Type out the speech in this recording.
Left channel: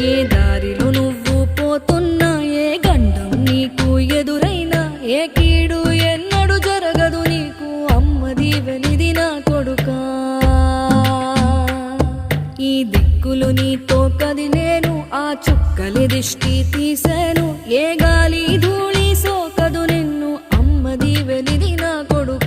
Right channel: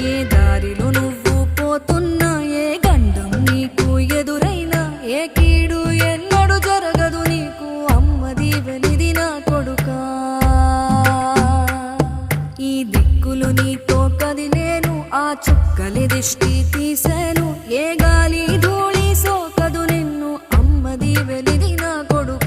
ఏ దారిలో నువ్వు పోతున్నా, ఏ గండం నీకు ఎదురైనా, ఏ కీడు ఎన్నడు జరగదు నీకు, అమ్మ దీవెనిది నా కొడుకా. ఈ దిక్కులు నీతో కదిలేను, ఆ చుక్కలి దిష్టి తీసేను, ఏ గాలి ధూళి సోకదు నిన్ను, అమ్మ దీవెనిది నా కొడుకా.